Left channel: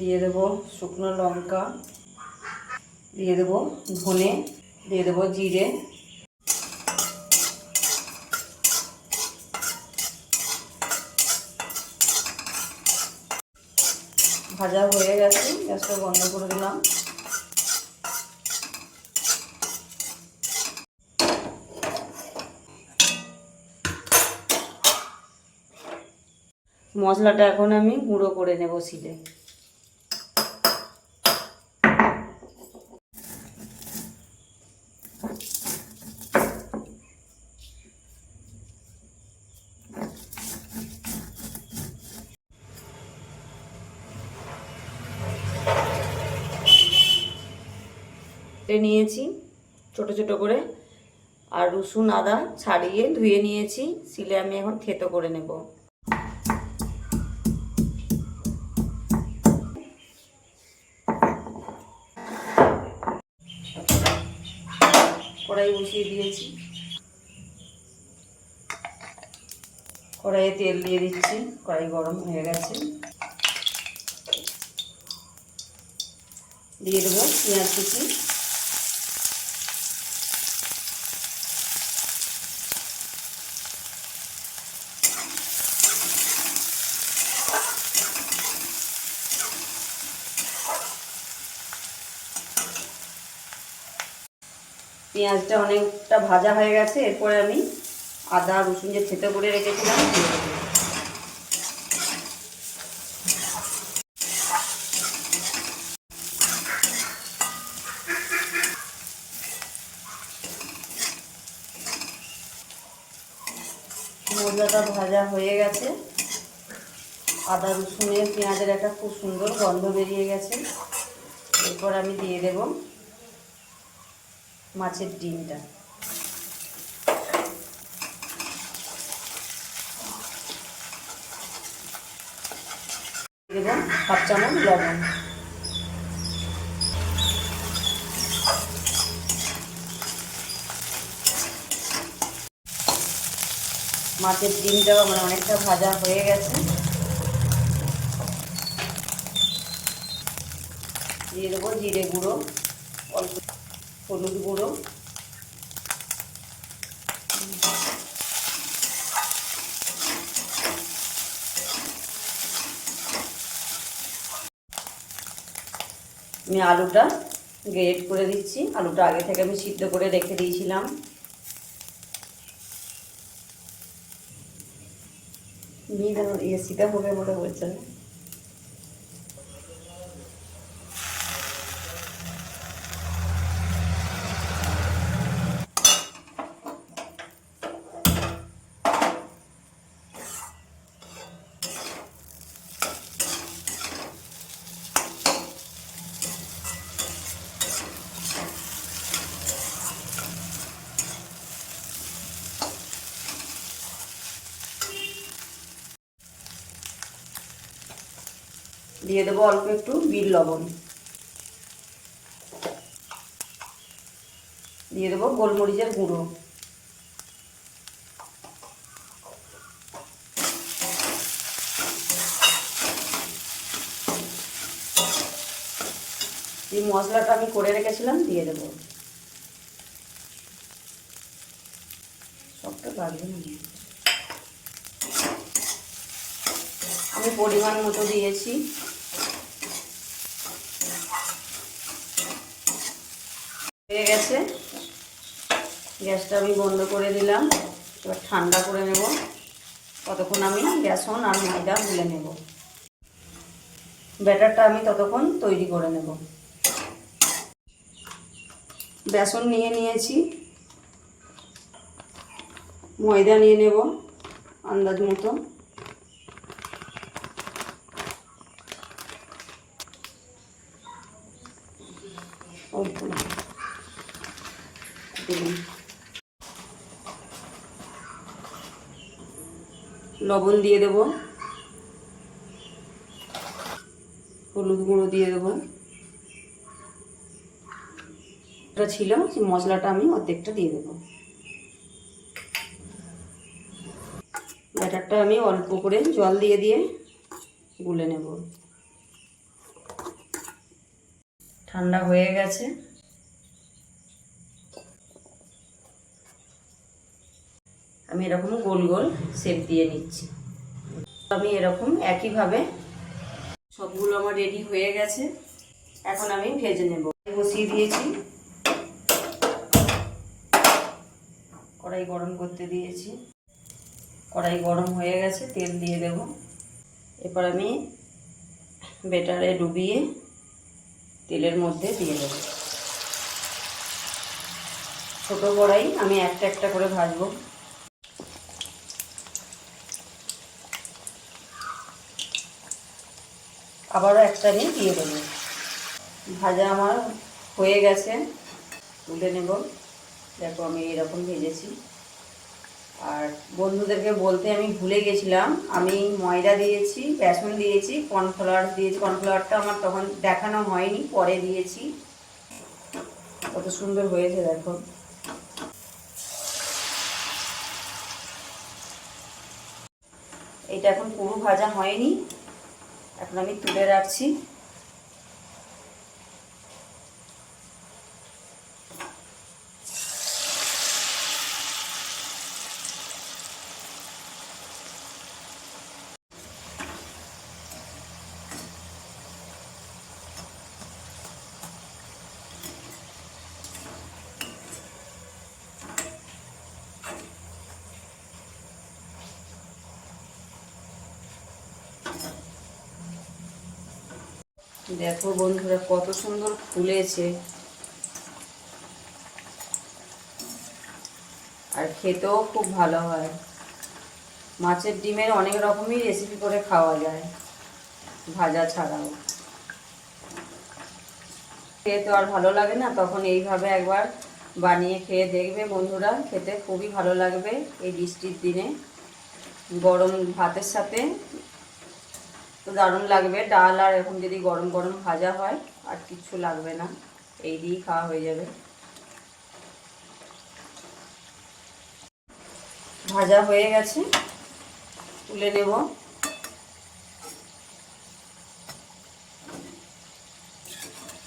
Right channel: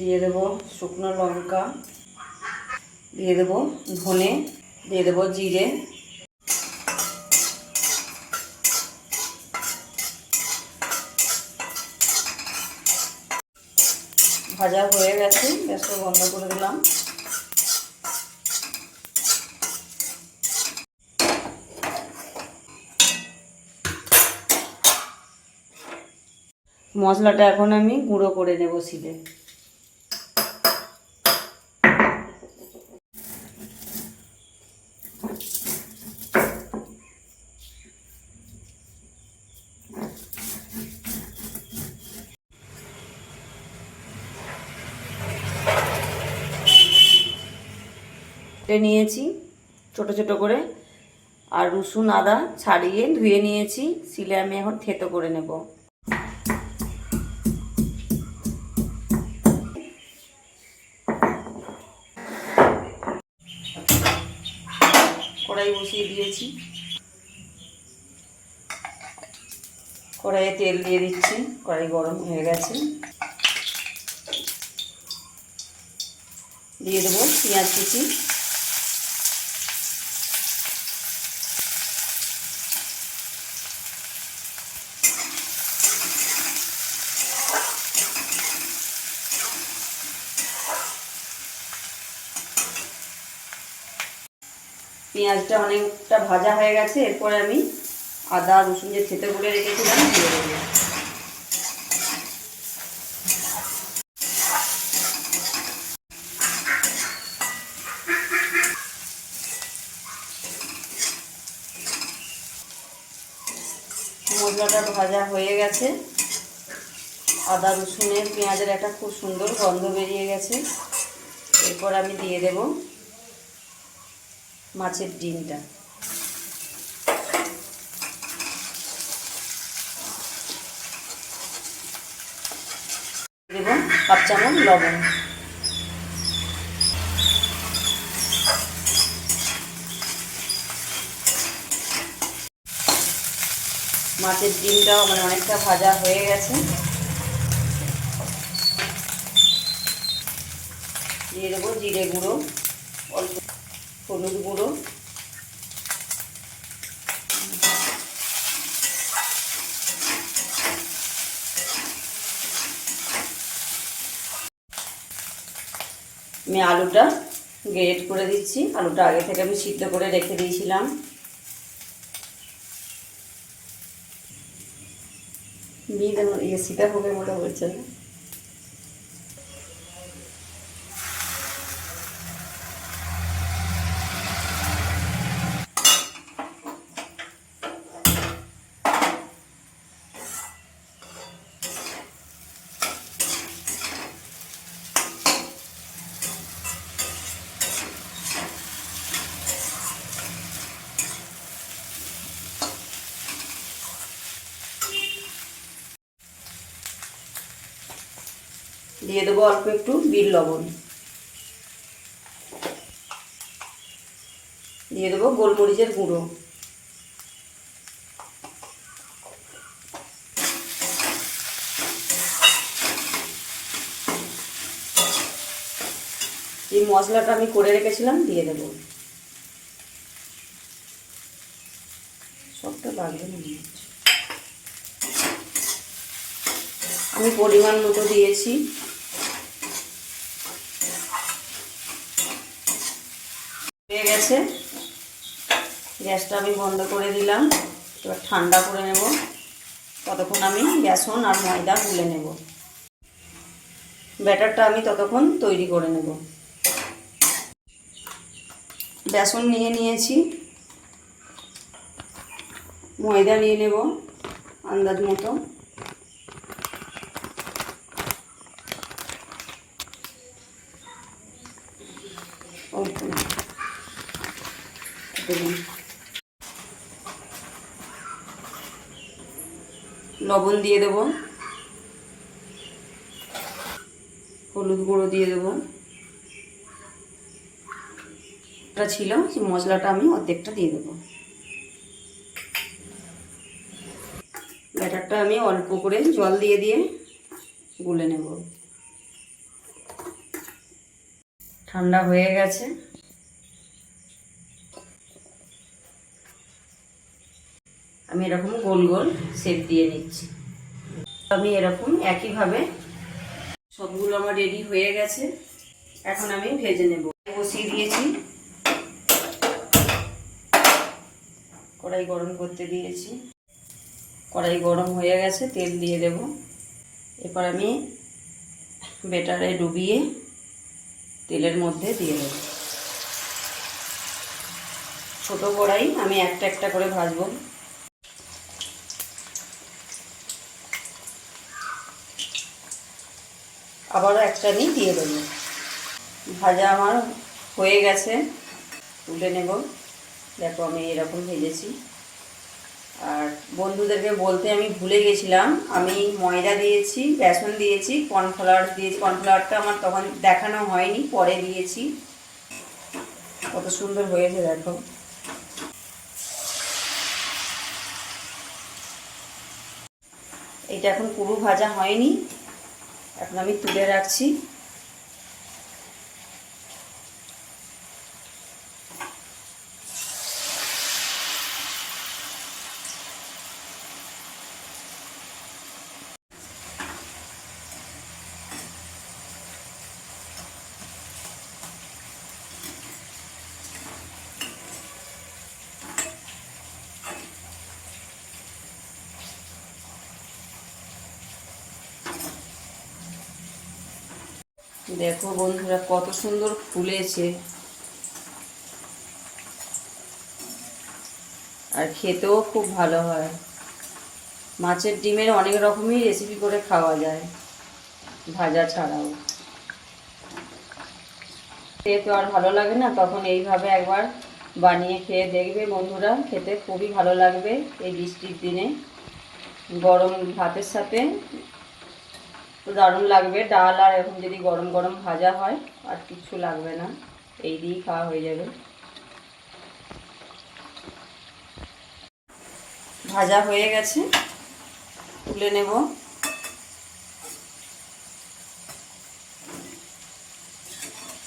দিয়ে দেবো শুকনো লঙ্কা, দিয়ে দেবো ধনে, দিয়ে দেবো জিরে। ভাজা হয়ে গেছে, গ্যাসটা বন্ধ করে দিলাম। মশলাটা এখন আমি গুঁড়ো করে নেব শিলে। নিয়েছি ছোট ছোট করে, আর রসুন আদা ছাড়িয়ে ধুয়ে নিয়েছি। শিলে আমি এখন থেতো করে নেব। কড়াই বসিয়ে দিয়েছি, কড়াইয়ে তেল দিয়ে দিচ্ছি। কড়াই গরম হয়ে গেছে, দিয়ে দেবো পেঁয়াজ কুচি, পেঁয়াজটা অনেকটা ভাজা হয়ে গেছে। এরপরে আমি আদা রসুন যে থেতো করে রেখেছিলাম দিয়ে দেবো। মশলাটা ভাজা হয়ে গেছে, আদা রসুনের পেঁয়াজের একটা খুব সুন্দর গন্ধ বেরিয়ে গেছে। এরপর আমি দিয়ে দেব মাছের ডিমটা, দেব হাফ চামচ লবণ। মাছের ডিমটাও অনেকটা ভাজা হয়ে গেছে। দিয়ে দেবো জিরে গুঁড়ো, অল্প হলুদ গুঁড়ো, আমি আলুটা গ্রেট করে দিচ্ছি। আলুটা আগে থেকে আমি সিদ্ধ করে রেখে দিয়েছিলাম। ये सीधा हो गया मोटा बच्चा। দিয়ে দেবো অল্প একটু বিট লবণ, দিয়ে দেবো গোলমরিচের গুঁড়ো, এই মশলাটা আমি করে রেখেছিলাম দিয়ে দেবো। সবটা লাগবে না, আমি পরিমাণ মতো দিয়েছি। হয়ে গেছে, গ্যাসটা আমি বন্ধ করে দিলাম। এবার ঠান্ডা করে নেব। ততক্ষণ আমি বেসন আর ময়দা গুলে নেব। ব্যাটারটা আমি ততক্ষণ তৈরি করে নেব। বেসন নিয়ে নিয়েছি, ময়দা নিয়ে নেব আন্দাজ মতো, অল্প লবণ দিয়ে দেব, হলুদ গুঁড়ো দিয়ে দেবো। এটা ছিল সেই মশলাটা আমি অর্ধেকটা দিয়ে দেবো। ব্যাটারটা আমি অল্প করে জল দিয়ে দিয়ে গুলে নেব। ঠান্ডা হয়ে গেছে। আমি এরকম গোল গোল শেপ দিয়ে নিচ্ছি। আমি এরকম একইভাবে সবগুলো আমার রেডি হয়ে গেছে। এখন আমি ভেজে নেব। বসিয়ে দিয়েছি, কড়াই গরম করতে দিয়েছি। কড়াই গরম হয়ে গেছে, তেল দিয়ে দেব। এরপর আমি বেটারে ডুবিয়ে তেলের মধ্যে দিয়ে দেব। ছোট কড়াই, আমি একটা একটা করে ভাজবো। আবারও একটা আমি দিয়ে দেব। ভাজা আমার হয়ে গেছে, তুলে নেব। দেখো আমি এরকম ভেজেছি। আর বন্ধুদেরকে বলতে আমি ভুলে গেছিলাম, আমি ময়দা দিয়েছি, বেসন দিয়েছি, কর্নফ্লাওয়ার দিয়েছি। কর্নফ্লাওয়ারটা আমার তখন দেখানো হয়নি, পরে দিয়েছি। কত সুন্দর হয়েছে দেখো। এটা এখন পুরো ভাজা হয়নি, এখন আমি তুলে রাখছি। দেখো বন্ধুরা কত সুন্দর ফুলেছে, আর খেতেও খুব ভালো হয়। মাছের ডিমের অনেক রকমই রেসিপি করে খাওয়া যায়, ভাজা ছাড়াও। খেয়ে তো আর ভালো লাগে না, তখন এইভাবে একবার বানিয়ে খেয়ে দেখবে বন্ধুরা, খেতে খুবই ভালো লাগবে। এই বৃষ্টির দিনে গরম ভাতের সাথে দারুণ লাগবে। ডাল আর এখন যদি গরম গরম ভাজা হয়, আর কিচ্ছু লাগবে না, এই দিয়েই খাওয়া হয়ে যাবে। ভাজা হয়ে গেছে, তুলে নেব।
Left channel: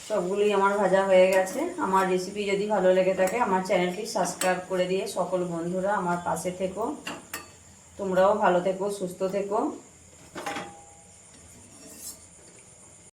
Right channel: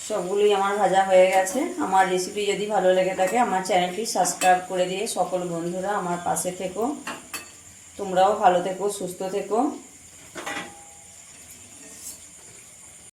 সবগুলোই আমার ভাজা হয়ে গেছে। আমার রেসিপি যদি ভালো লেগে থাকে, আমার চ্যানেলটি সাবস্ক্রাইব করে দিয়ে সকল বন্ধুরা আমার পাশে থেকো। তোমরাও ভালো থেকো, সুস্থ থেকো।